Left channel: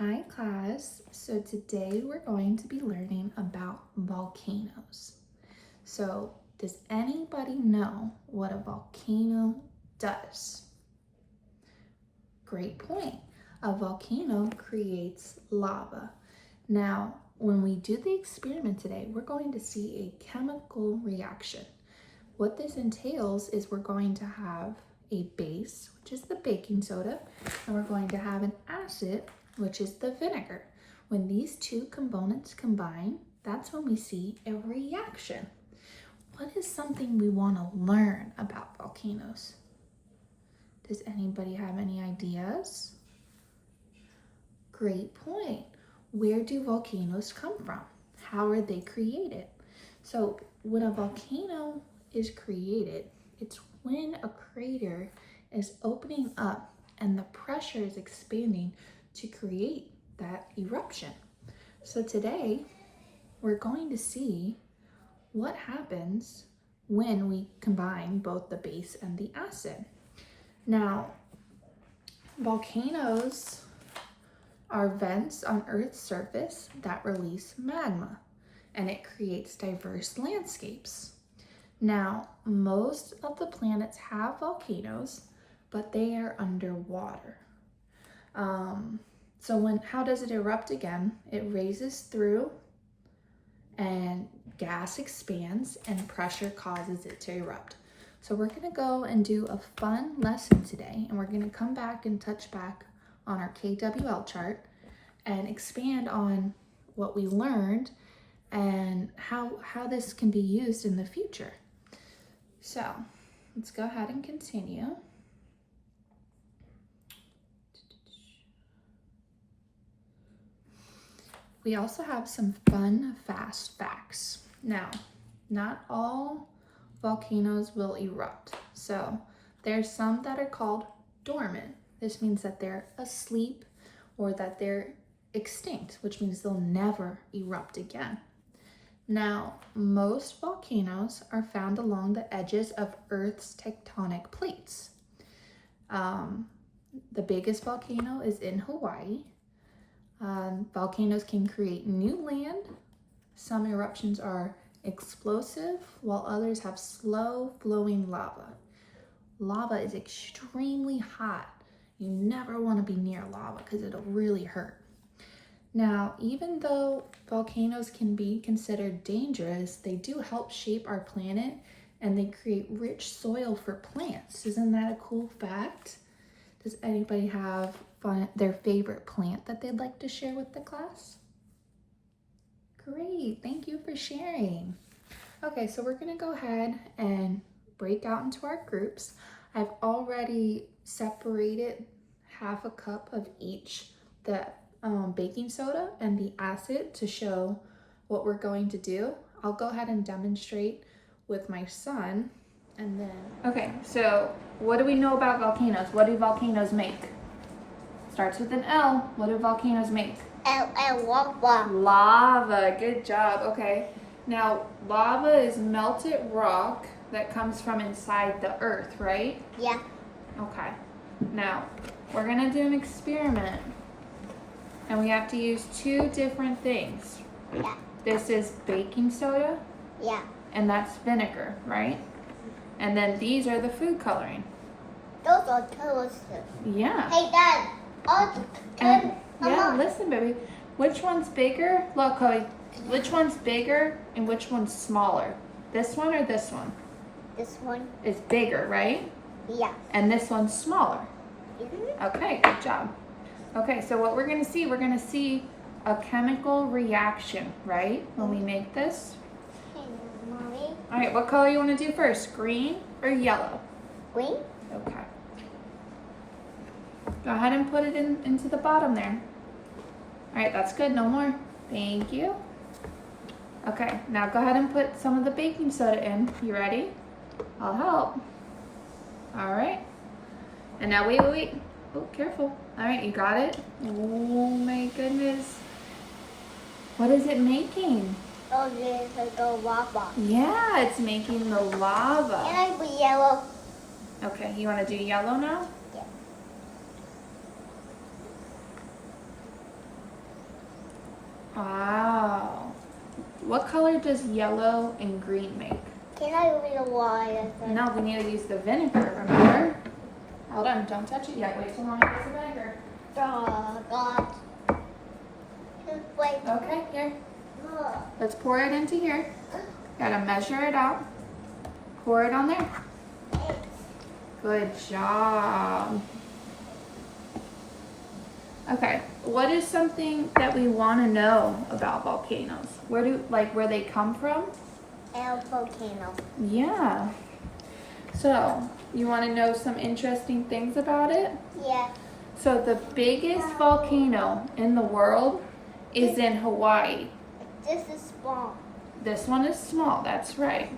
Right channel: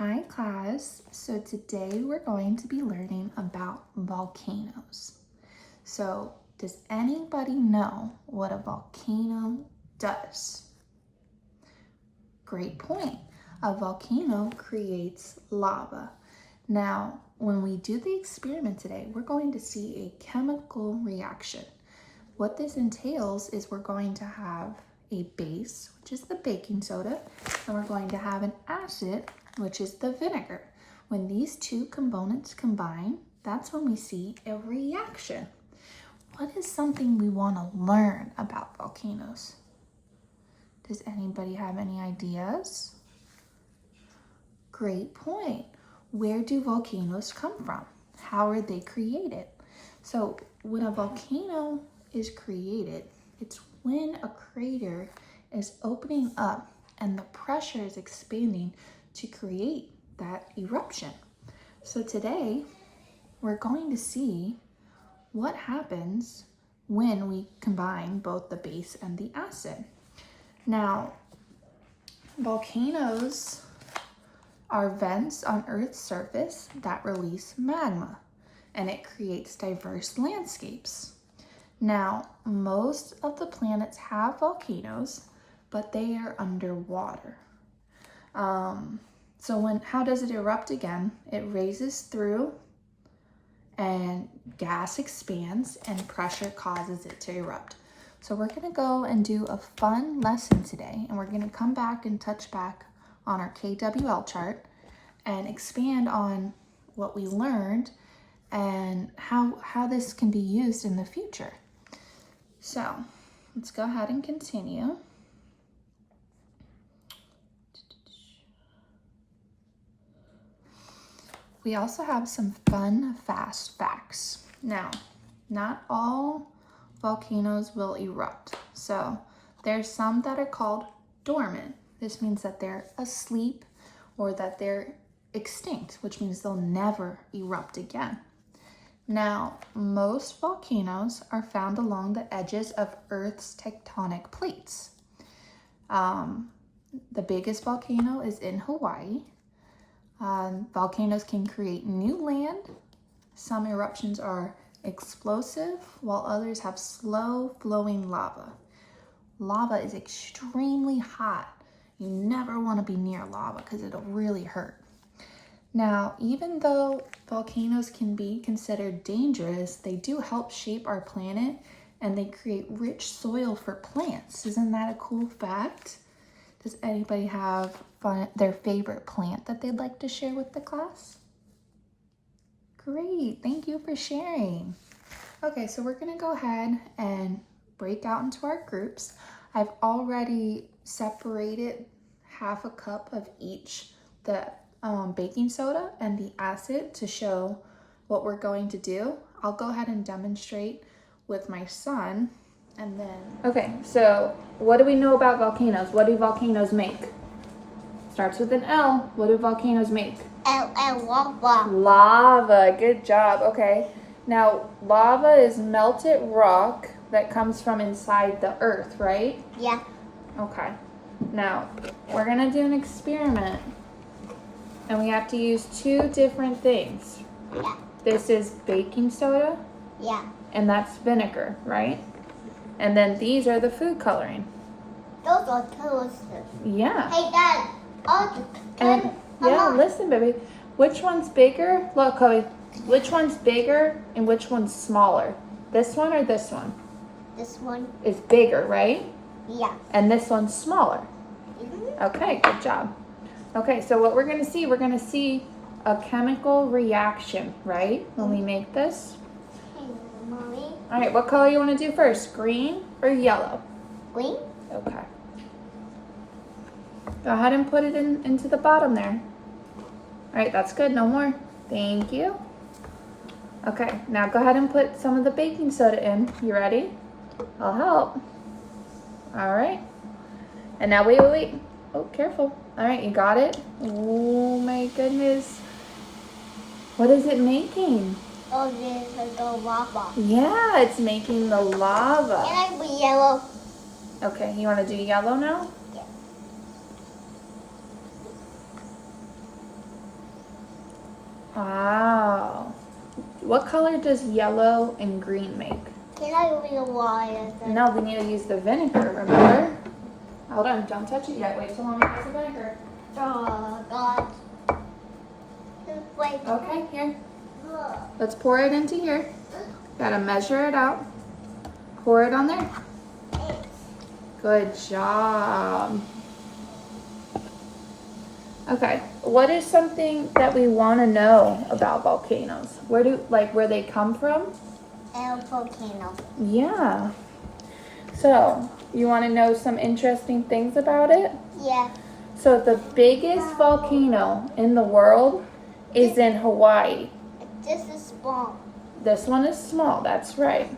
Hi class, so today we're going to be learning about volcanoes. So does anybody know what a volcano does? Great point. A volcano creates lava. Now, when we do the experiment today, we're going to see a chemical reaction. What this entails is we're going to have a base, which is the baking soda, and we're going to have an acid, which is the vinegar. When these two components combine, that's when we see a reaction. What is something we want to learn about volcanoes? Does anybody have any ideas? Great point. Where do volcanoes come from? How are they created? So when a volcano is created, it's when a crater is opening up and the pressure is expanding to create that eruption. So today we're going to see what happens when we combine both the base and the acid. Now, volcanoes are vents on Earth's surface that release magma, and it creates diverse landscapes. Now, most of the planets have volcanoes, but they are underwater. How does it erupt again? It raises through and gas expands and pressure causes it to erupt. So we're gonna go and do a fun lesson today, and we're gonna come back and touch back on our KWL chart and expand on what we learned and how this can be used in the future. So let's go ahead and continue. We also have some fun, fast facts. Now, not all volcanoes will erupt. So there's some that are called dormant. This means that they're asleep or that they're extinct, which means they'll never erupt again. Now, most volcanoes are found along the edges of Earth's tectonic plates. The biggest volcano is in Hawaii. Volcanoes can create new land. Some eruptions are explosive, while others have slow flowing lava. Lava is extremely hot. You never want to be near lava because it'll really hurt. Now, even though volcanoes can be considered dangerous, they do help shape our planet and they create rich soil for plants. Isn't that a cool fact? Does anybody have their favorite plant that they'd like to share with the class? Great, thank you for sharing. Okay, so we're gonna go ahead and break out into our groups. I've already separated half a cup of each, the baking soda and the acid, to show what we're going to do. I'll go ahead and demonstrate with my son and then. Okay, so what do we know about volcanoes? What do volcanoes make? Starts with an L. What do volcanoes make? Lava. Lava, good job, okay. Now, lava is melted rock that comes from inside the earth, right? Yeah. Okay. Now, we're gonna do an experiment and we have to use two different things. Yeah. This is baking soda. Yeah. And that's vinegar, right? And then these are the food coloring. Those are colors. Yeah. Hey, Dad. Listen, baby. Which one's bigger? Look, Chloe. Which one's bigger and which one's smaller? This one or this one? This one is bigger, right? Yeah. And this one's smaller. Mm-hmm. Okay, good job. Okay, so what we're going to see a chemical reaction, right? When we make this. Hey, Mommy. All right, what color you want to do first? Green or yellow? Green. Okay. Go ahead and put it into the bottom there. All right, that's good. No more. Thank you. Okay, now go ahead and put some of the baking soda in. You ready? I'll help. All right. And now wait. Oh, careful. All right, you got it? Oh my goodness. What is it making? Oh, this is the lava. Yeah, it's making the lava. Can I be yellow? Okay, you want to do yellow now? Yeah. What color does yellow and green make? Can I use the water? No, we need to use the vinegar, remember? Hold on, don't touch it yet. Wait till Mama gets the vinegar. Oh, God. Wait. Okay, here. Let's pour it into here. Gotta measure it out. Pour it on there. Good job. Okay, what is something that we want to know about volcanoes? Where they come from? El volcano. Yeah. So, you want to know some interesting things about it? Yeah. So, the biggest volcano in the world is in Hawaii. This is small. This one is small, that's right.